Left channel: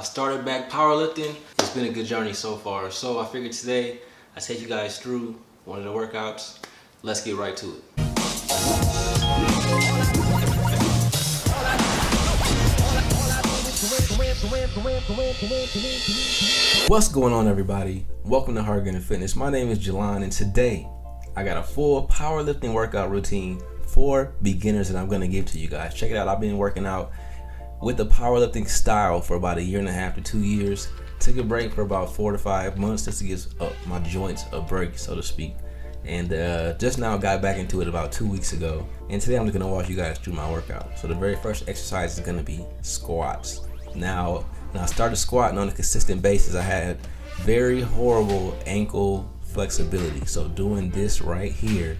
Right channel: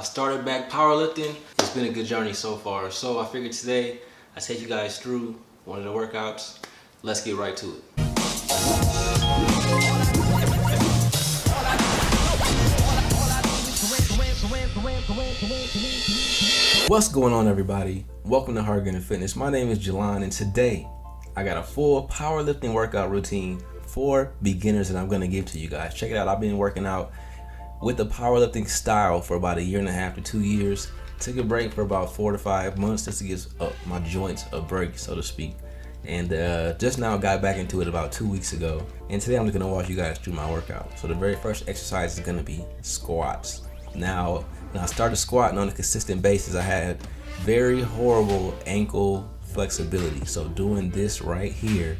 I started back powerlifting. It's been a good journey so far. So I figured today I take you guys through one of the workouts. Let's get right to it. What's going on, everybody? Welcome to Hard Gunner Fitness. My name is Jelon, and today I got a full powerlifting workout routine for beginners that I'm going to give to you guys. Check it out. I've been working out with the powerlifting style for about 1.5 to 2 years. Took a break for about 4 to 5 months just to give my joints a break, so to speak. And just now got back into it about 2 weeks ago. And today I'm just going to walk you guys through my workout. So the very first exercise is going to be squats. Now, when I started squatting on a consistent basis, I had very horrible ankle flexibility. So doing this right here,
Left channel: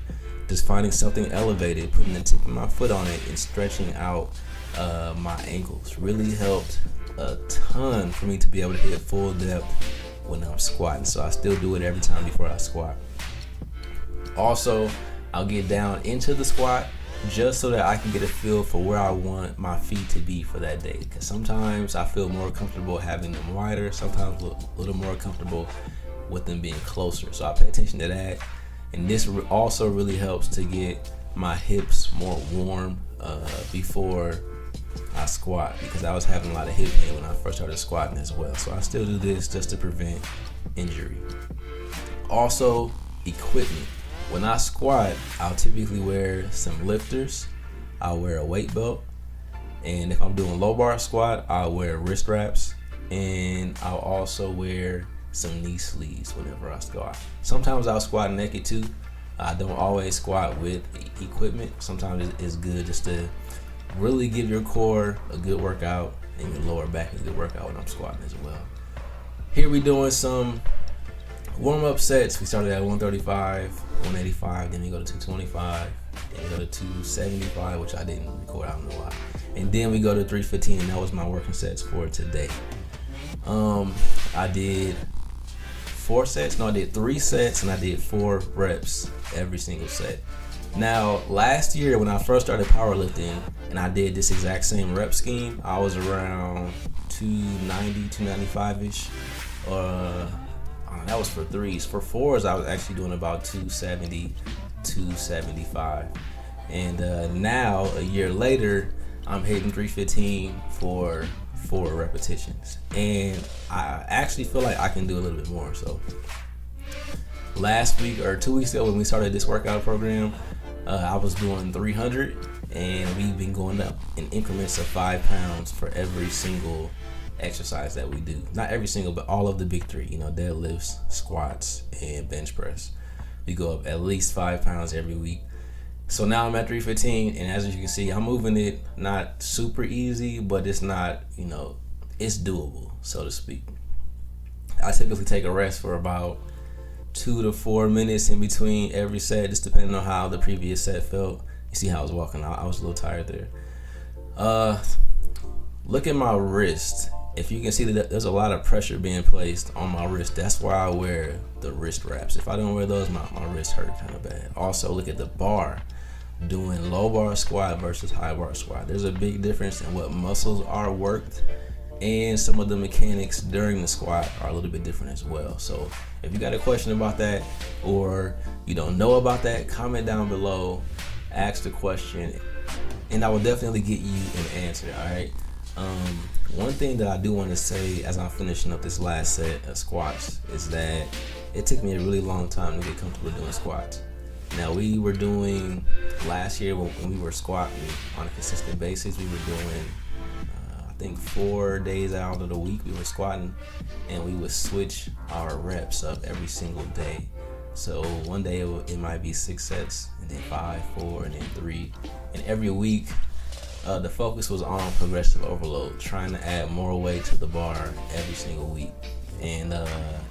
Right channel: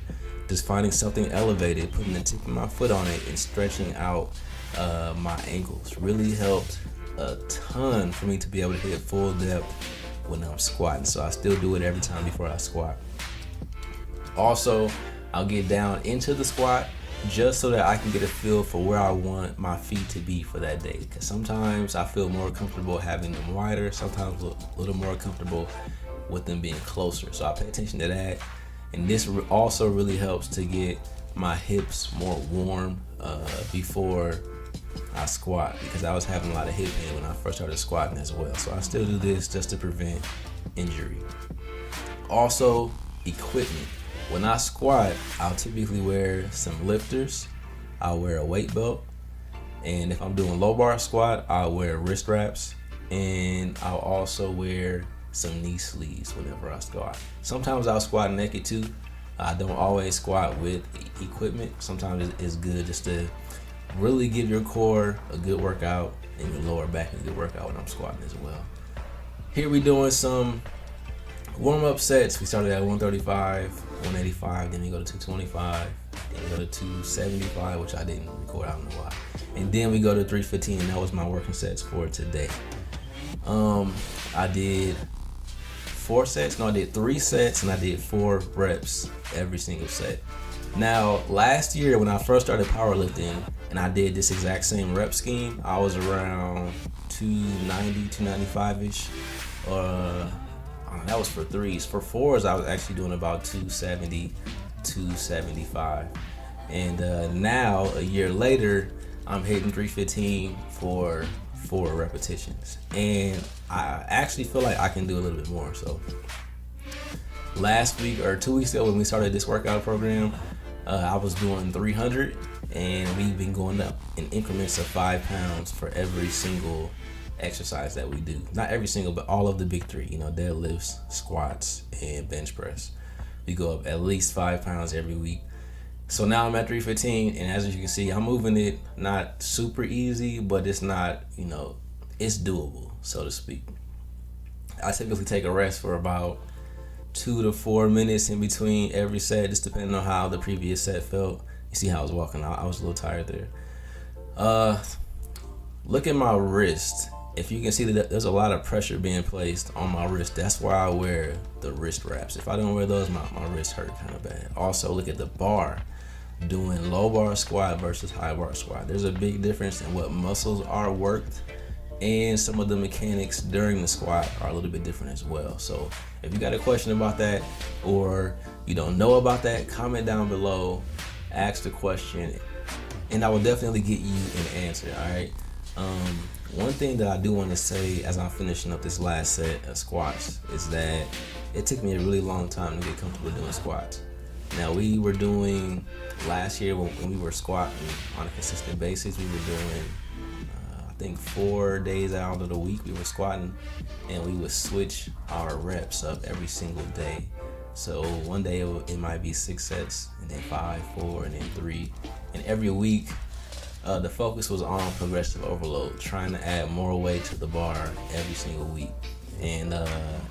just finding something elevated, putting the tip of my foot on it and stretching out my ankles really helped a ton for me to be able to hit full depth when I'm squatting. So I still do it every time before I squat. Also, I'll get down into the squat just so that I can get a feel for where I want my feet to be for that day. Because sometimes I feel more comfortable having them wider, sometimes a little more comfortable with them being closer. So I pay attention to that. And this also really helps to get my hips more warm before I squat, because I was having a lot of hip pain when I first started squatting as well. So I still do this just to prevent injury. Also, equipment. When I squat, I'll typically wear some lifters. I'll wear a weight belt. And if I'm doing low bar squat, I'll wear wrist wraps. And I'll also wear some knee sleeves whenever I squat. Sometimes I'll squat naked too. I don't always squat with equipment. Sometimes it's good just to really give your core a good workout and your lower back a good workout when I'm squatting as well. Here we doing some warm-up sets. We started at 135, 185, then we go to 225, then we go to 275, which I didn't record, I don't know why. And then we go to 315, and that was my working sets for today. I did 3 sets, and I did 4 reps every single set. Now, last year when I first started powerlifting and I did this exact same rep scheme, I was around 290, 295-ish. That was for 3s. For 4s, I was actually doing about 270, 275. And now, a year later, I'm hitting 315 for 4 repetitions. And I actually feel like I can do a little bit more. So last week or 2 weeks ago when we started this workout program, I was doing 300, and we've been going up in increments of 5 pounds for every single exercise that we do. Not every single, but all of the big 3, deadlifts, squats, and bench press. We go up at least 5 pounds every week. So now I'm at 315, and as you can see, I'm moving it not super easy, but it's not, it's doable, so to speak. I typically take a rest for about 2 to 4 minutes in between every set, just depending on how the previous set felt. You see how I was walking out. I was a little tired there. Look at my wrist. If you can see that there's a lot of pressure being placed on my wrist, that's why I wear the wrist wraps. If I don't wear those, my wrist hurt kind of bad. Also, look at the bar. Doing low bar squat versus high bar squat. There's a big difference in what muscles are worked, and some of the mechanics during the squat are a little bit different as well. So if you got a question about that, or you don't know about that, comment down below, ask the question, and I will definitely get you an answer, all right? One thing that I do want to say as I'm finishing up this last set of squats is that it took me a really long time to get comfortable doing squats. Now, we were doing last year when we were squatting on a consistent basis, we were doing I think 4 days out of the week we were squatting, and we would switch our reps up every single day. So one day it might be 6 sets, and then 5, 4, and then 3. And every week the focus was on progressive overload, trying to add more weight to the bar every single week. And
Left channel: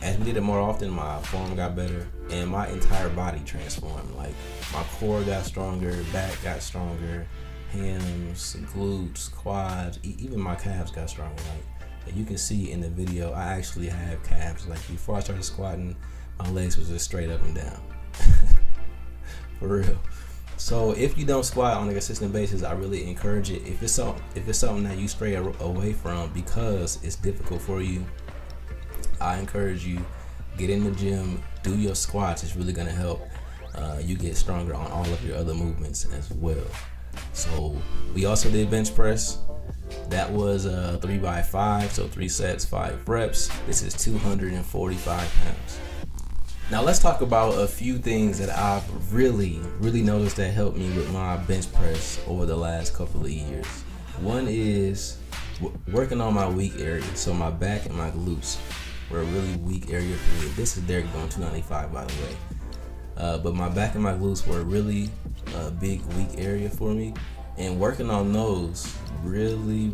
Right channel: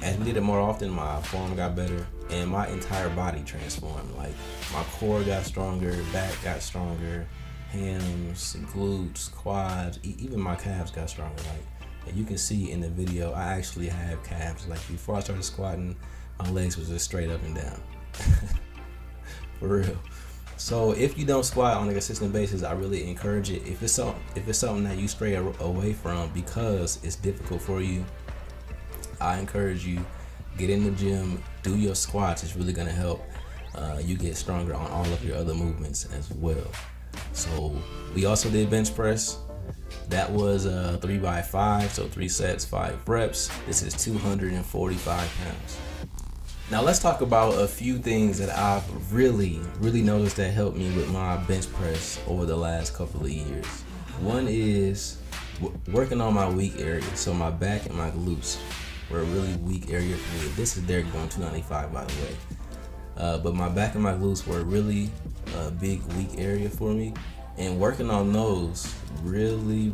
as we did it more often, my form got better and my entire body transformed. Like, my core got stronger, back got stronger, hams, glutes, quads, even my calves got stronger. Like, you can see in the video, I actually have calves. Like, before I started squatting, my legs was just straight up and down. For real. So if you don't squat on a consistent basis, I really encourage it. If it's something that you stray away from because it's difficult for you, I encourage you, get in the gym, do your squats. It's really gonna help you get stronger on all of your other movements as well. So we also did bench press. That was 3x5, so 3 sets, 5 reps. This is 245 pounds. Now let's talk about a few things that I've really noticed that helped me with my bench press over the last couple of years. One is working on my weak areas. So my back and my glutes were a really weak area for me. This is Derek going 295, by the way. But my back and my glutes were a really big weak area for me. And working on those really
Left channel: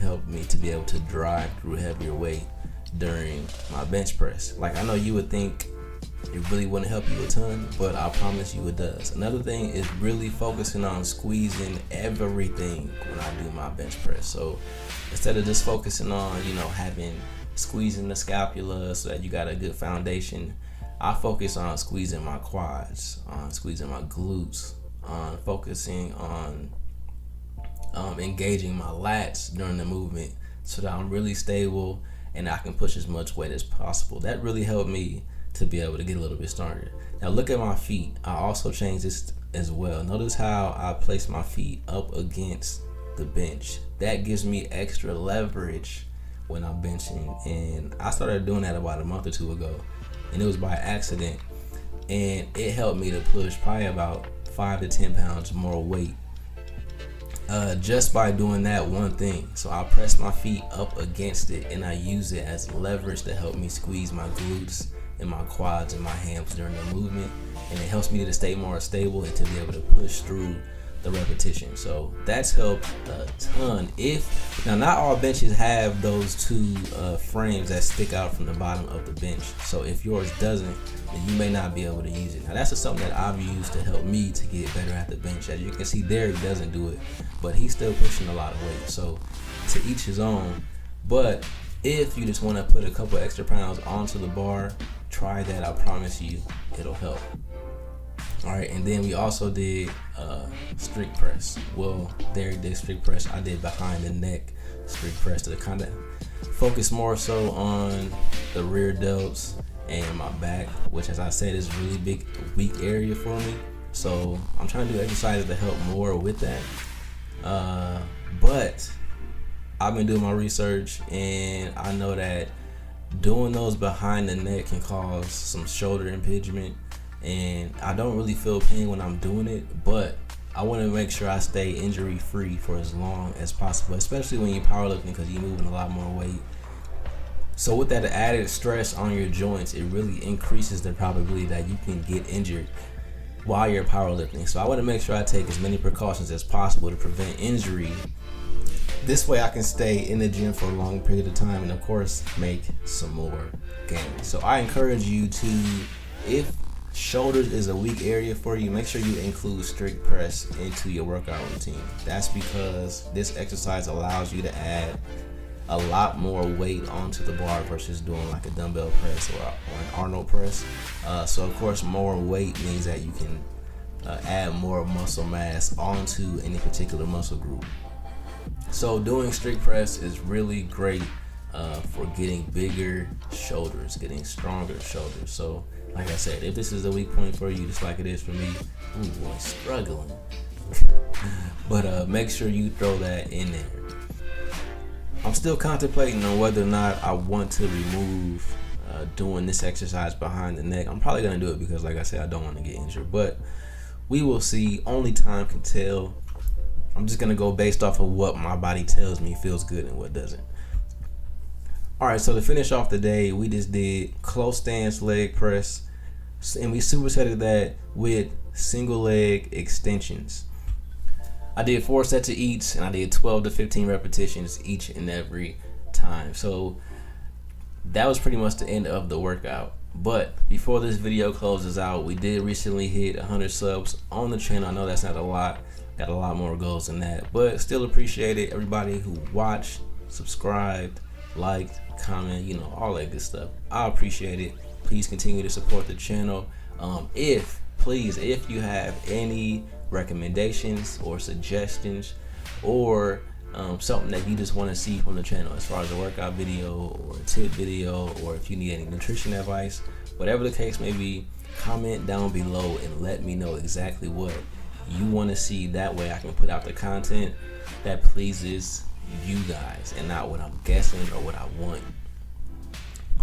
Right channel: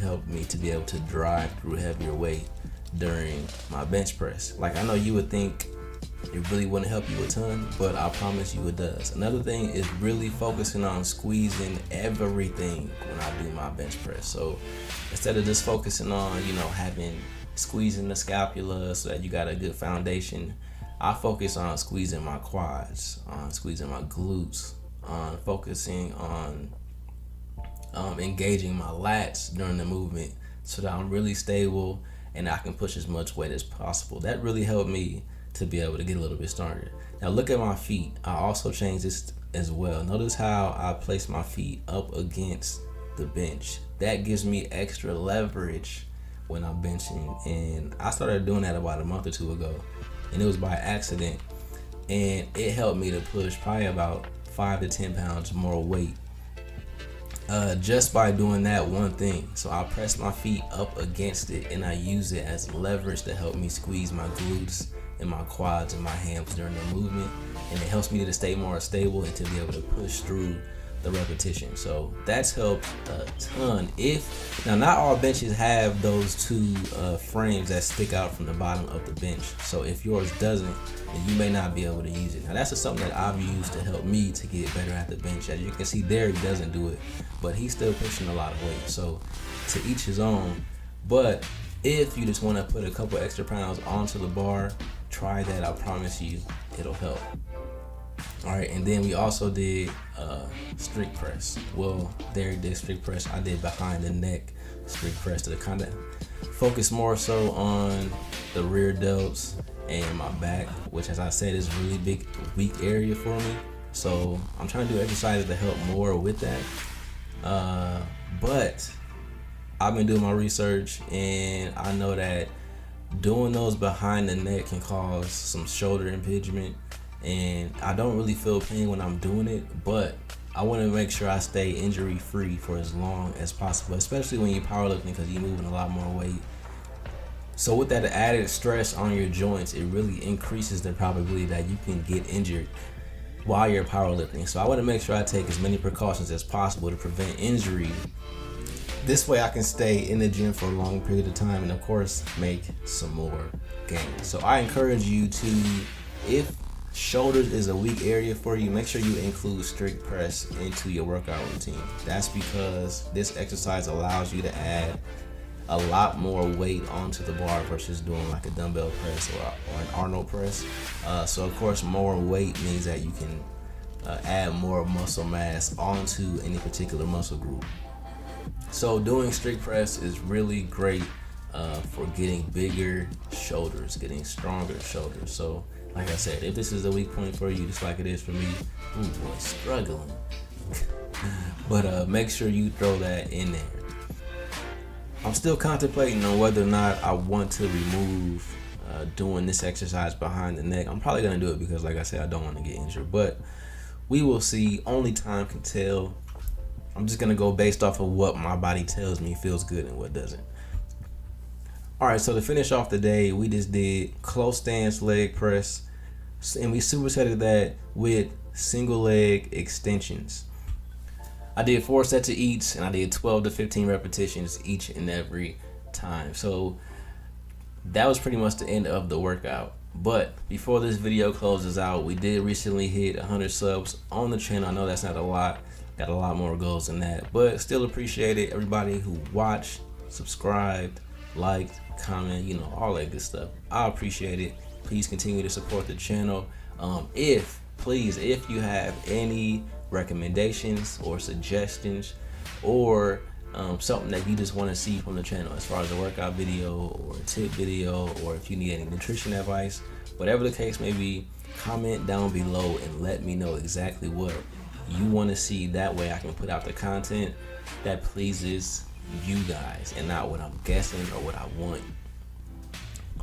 helped me to be able to drive through heavier weight during my bench press. Like, I know you would think it really wouldn't help you a ton, but I promise you it does. Another thing is really focusing on squeezing everything when I do my bench press. So instead of just focusing on, squeezing the scapula so that you got a good foundation, I focus on squeezing my quads, on squeezing my glutes, on focusing on engaging my lats during the movement so that I'm really stable and I can push as much weight as possible. That really helped me to be able to get a little bit stronger. Now look at my feet. I also changed this as well. Notice how I place my feet up against the bench. That gives me extra leverage when I'm benching, and I started doing that about a month or two ago, and it was by accident, and it helped me to push probably about 5 to 10 pounds more weight just by doing that one thing. So I press my feet up against it and I use it as leverage to help me squeeze my glutes and my quads and my hams during the movement, and it helps me to stay more stable and to be able to push through the repetition. So that's helped a ton. Now not all benches have those two frames that stick out from the bottom of the bench, so if yours doesn't, then you may not be able to use it. Now that's just something that I've used to help me to get better at the bench. As you can see, Derek doesn't do it, but he's still pushing a lot of weight, so to each his own. But if you just want to put a couple extra pounds onto the bar, try that. I promise you it'll help. All right, and then we also did strict press. Well, Derek did strict press. I did behind the neck strict press to kind of focus more so on the rear delts and my back, which, as I said, is a really big weak area for me. So I'm trying to do exercises to help more with that. But I've been doing my research, and I know that doing those behind the neck can cause some shoulder impingement, and I don't really feel pain when I'm doing it, but I want to make sure I stay injury free for as long as possible, especially when you're powerlifting, because you're moving a lot more weight. So with that added stress on your joints, it really increases the probability that you can get injured while you're powerlifting. So I want to make sure I take as many precautions as possible to prevent injury. This way I can stay in the gym for a long period of time and, of course, make some more gains. So I encourage you to, if shoulders is a weak area for you, make sure you include strict press into your workout routine. That's because this exercise allows you to add a lot more weight onto the bar versus doing like a dumbbell press or an Arnold press. So of course, more weight means that you can add more muscle mass onto any particular muscle group. So doing strict press is really great for getting bigger shoulders, getting stronger shoulders. So like I said, if this is a weak point for you, just like it is for me, ooh boy, struggling. But make sure you throw that in there. I'm still contemplating on whether or not I want to remove doing this exercise behind the neck. I'm probably going to do it because, like I said, I don't want to get injured. But we will see. Only time can tell. I'm just going to go based off of what my body tells me feels good and what doesn't. All right, so to finish off the day, we just did close stance leg press, and we supersetted that with single leg extensions. I did 4 sets of each, and I did 12 to 15 repetitions each and every time. So that was pretty much the end of the workout. But before this video closes out, we did recently hit 100 subs on the channel. I know that's not a lot. Got a lot more goals than that, but still appreciate it. Everybody who watched, subscribed, liked, comment, all that good stuff. I appreciate it. Please continue to support the channel. If please, if you have any recommendations or suggestions, or something that you just want to see from the channel, as far as a workout video or a tip video, or if you need any nutrition advice, whatever the case may be, comment down below and let me know exactly what you want to see. That way I can put out the content that pleases you guys and not what I'm guessing or what I want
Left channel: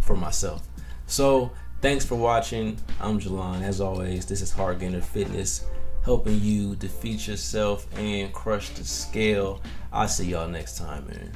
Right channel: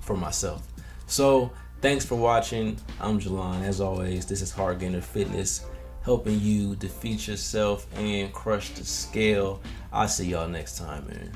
for myself. So thanks for watching. I'm Jalon. As always, this is Hard Gainer Fitness, helping you defeat yourself and crush the scale. I'll see y'all next time, man.